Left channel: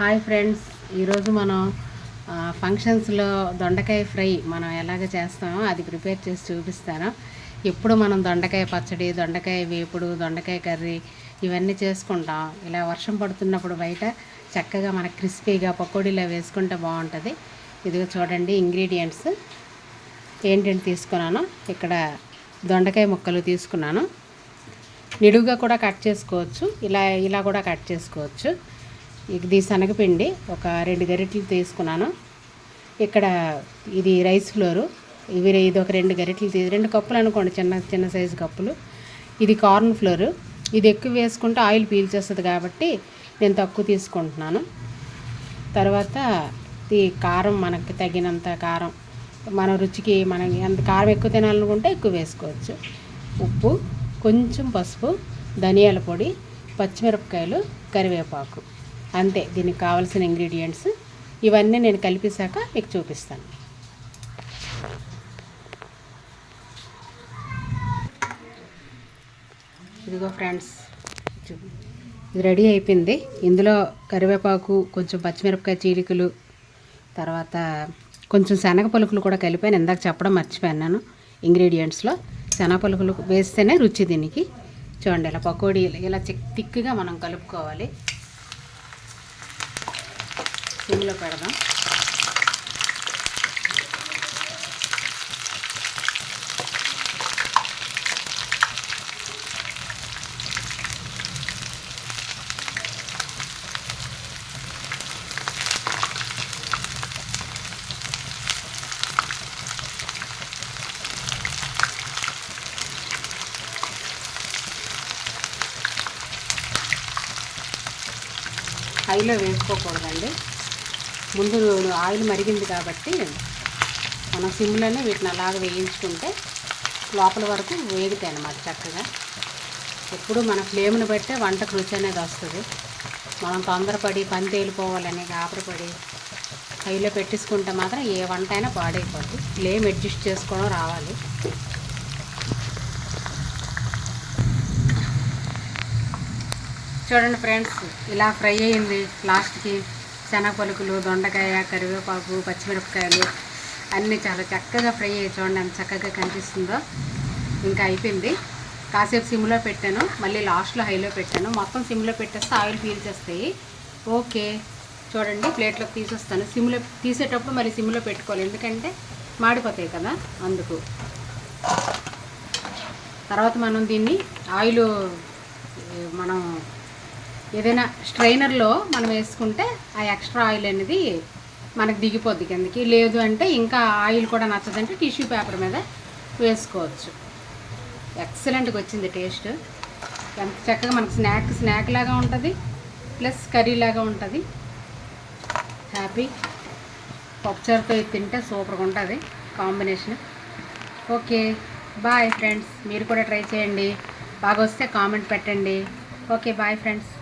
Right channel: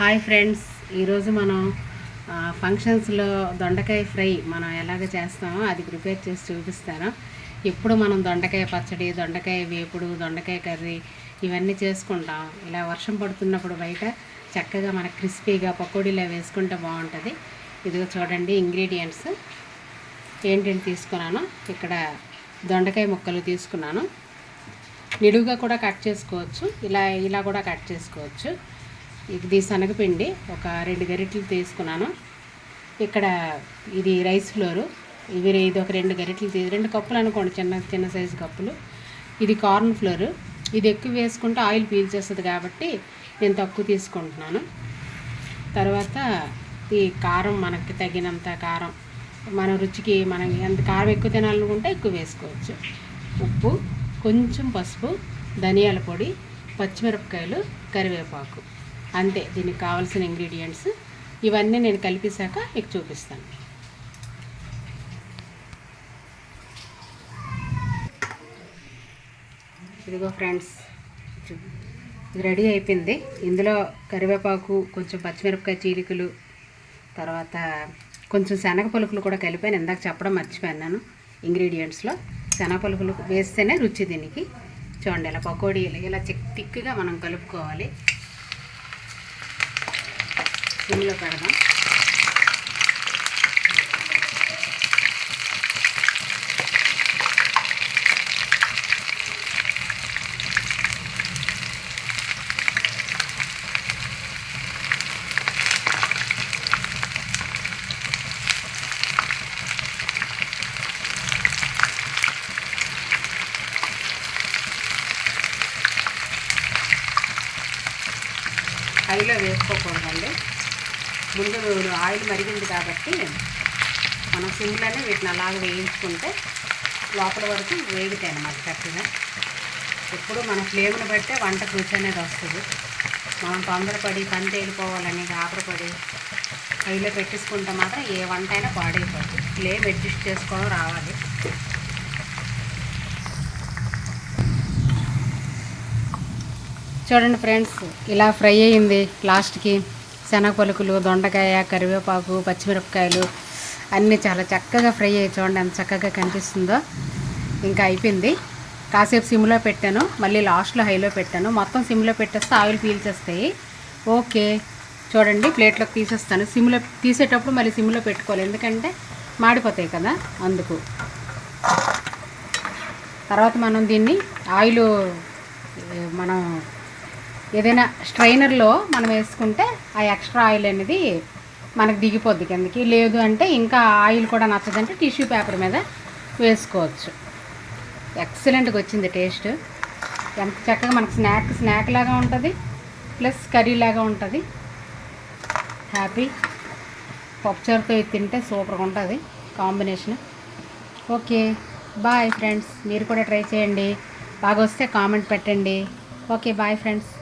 Hi friends, ఈరోజు మనం ఫంక్షన్స్లో దొండకాయ ఫ్రై మనం ఎలాగ చేస్తామో అది ప్రిపేర్ చేసి చూపిస్తాను. ఎప్పుడు మనం దొండకాయ పచ్చడి, దొండకాయ వేపుడు, దొండకాయ కర్రీ ఇవన్నీ చేసుకుంటాం. ఇలా వర్షం పడుతున్నప్పుడు బయట చక్కగా మనకు క్రిస్పీగా పకోడీలా వేసుకుంటే బాగుంటుంది. ఇదిగో చూడండి ఇంగ్రీడియంట్స్ ఏంటంటే తీసుకున్నాను. ఇక్కడ దొండకాయ ముక్కలు తీసుకున్నాను. నిడువుగా కూడా కట్ చేసుకోవచ్చు, ఇలా కూడా కట్ చేసుకోవచ్చు. ఇది శనగపిండి ఒక 2 గరిటెలు తీసుకున్నాను. ఇక్కడ ఇది రైస్ ఫ్లోరు, ఇది ఒక 2 గరిటెలు 2 కప్పులు అనుకోండి, చిన్న సైజు కప్పులు. ఇది కార్న్ ఫ్లోరు. ఇది ఎక్కువ వేసుకుంటే ఆయిల్ పీల్చేస్తుంది కాబట్టి నేను తక్కువ తీసుకుంటున్నాను. తర్వాత ఈ కారం, మనకి తగినంత కారం, మన రుచికి మనం ఎంత కారం ఎక్కువ తినాలనుకుంటే ఎక్కువ వేసుకోవచ్చు. ఉప్పు, కొంచెం పసుపు, ధనియాల పొడి, పచ్చిమిరపకాయలు, కరివేపాకు, అంతే దీనికి కావాల్సిన ఇంగ్రీడియంట్స్. ఇవన్నీ నేను కలిపేశాక మీకు చూపిస్తాను. ఇదిగో ఫ్రెండ్స్, ఇది రెడీ అయిపోయింది. ఇందులో కరివేపాకు, కొంచెం పచ్చిమిరపకాయ చీలికలు, తర్వాత కొంచెం శనగ పలుకులు కూడా కలిపాను. ఇందాక చెప్పడం మర్చిపోయాను నేను. ఇంగ్రీడియంట్స్లో శనగ పలుకులు వేస్తేనే రుచి దీనికి. చూడండి, ఇలా పకోడీ ఇలా తిక్కుగా మనం కలుపుకోవాలి. సిమ్లో పెడదాం. హైలో వేసుకోకూడదండి. ముందు ఆయిల్ మరిగింది కాబట్టి మనం సిమ్లోనే వీటిని అలాగే వేయించుకుంటే లోపల వరకు వేగుతాయి అన్నమాట చక్కగా. ఎప్పుడు మన ఫ్లేమ్ని బట్టే వంటకు రుచి అనేది వస్తుంది. మనం తొందరపడి పని తేలిపోవాలని గాబరపడి హైలో పెట్టేసుకుంటే మాత్రం ఏ వంట అయినా పాడైపోతుంది. ఫ్లేమ్ అడ్జస్ట్ చేసుకోవడం రావాలి. చూడండి ఫ్రెండ్స్, ఇలా ఫ్రై అయ్యింది. లాస్ట్కి శనగ పలుకులు, దొండకాయ, కరివేపాకు, పచ్చిమిరపకాయలు అన్నీ చాలా చక్కగా ఫ్రై అయ్యి చూడండి ఎంత చక్కగా కనిపిస్తుందో. ఇంకా అయిపోయింది. కాసేపు సిమ్లో పెట్టాను, మళ్ళీ లాస్ట్లో హైలో పెట్టాను. మొత్తం సిమ్లో పెట్టేస్తే ఆయిల్ పీల్చేస్తాయి. ఓకే, చూడండి ప్లేట్లోకి తీసేస్తాను. సిమ్లో తీసేటప్పుడు మళ్ళీ సిమ్లో పెట్టుకోవాలి, ఎందుకంటే మాడిపోతాయి కదా, అందుకు. తర్వాత మనం దీన్ని ఆయిల్ మనం ఏదైనా స్ట్రైనర్లో మనం వేసుకుంటే ఆ ఎక్స్ట్రా ఆయిల్ అనేది మనకు దిగిపోద్ది కిందకి. లేదు అంటే ఇంకా ఆయిల్ కూడా నచ్చదంటే టిష్యూ పేపర్ మీద వేసుకోవచ్చు. ఎక్సలెంట్గా వచ్చింది టేస్ట్. ఎంత చక్కగా మనకు స్నాక్ లాగా ఉంటుంది, ప్లస్ కర్రీ లాగా ఉంటుంది. హ్యాపీ. పప్పుచారుతో తింటే సూపర్గా ఉంటుంది కాంబినేషన్. Okay, bye friends. మీరు కూడా ట్రై చేయండి. బాగా వస్తే కామెంట్ పెట్టండి. Okay, bye friends.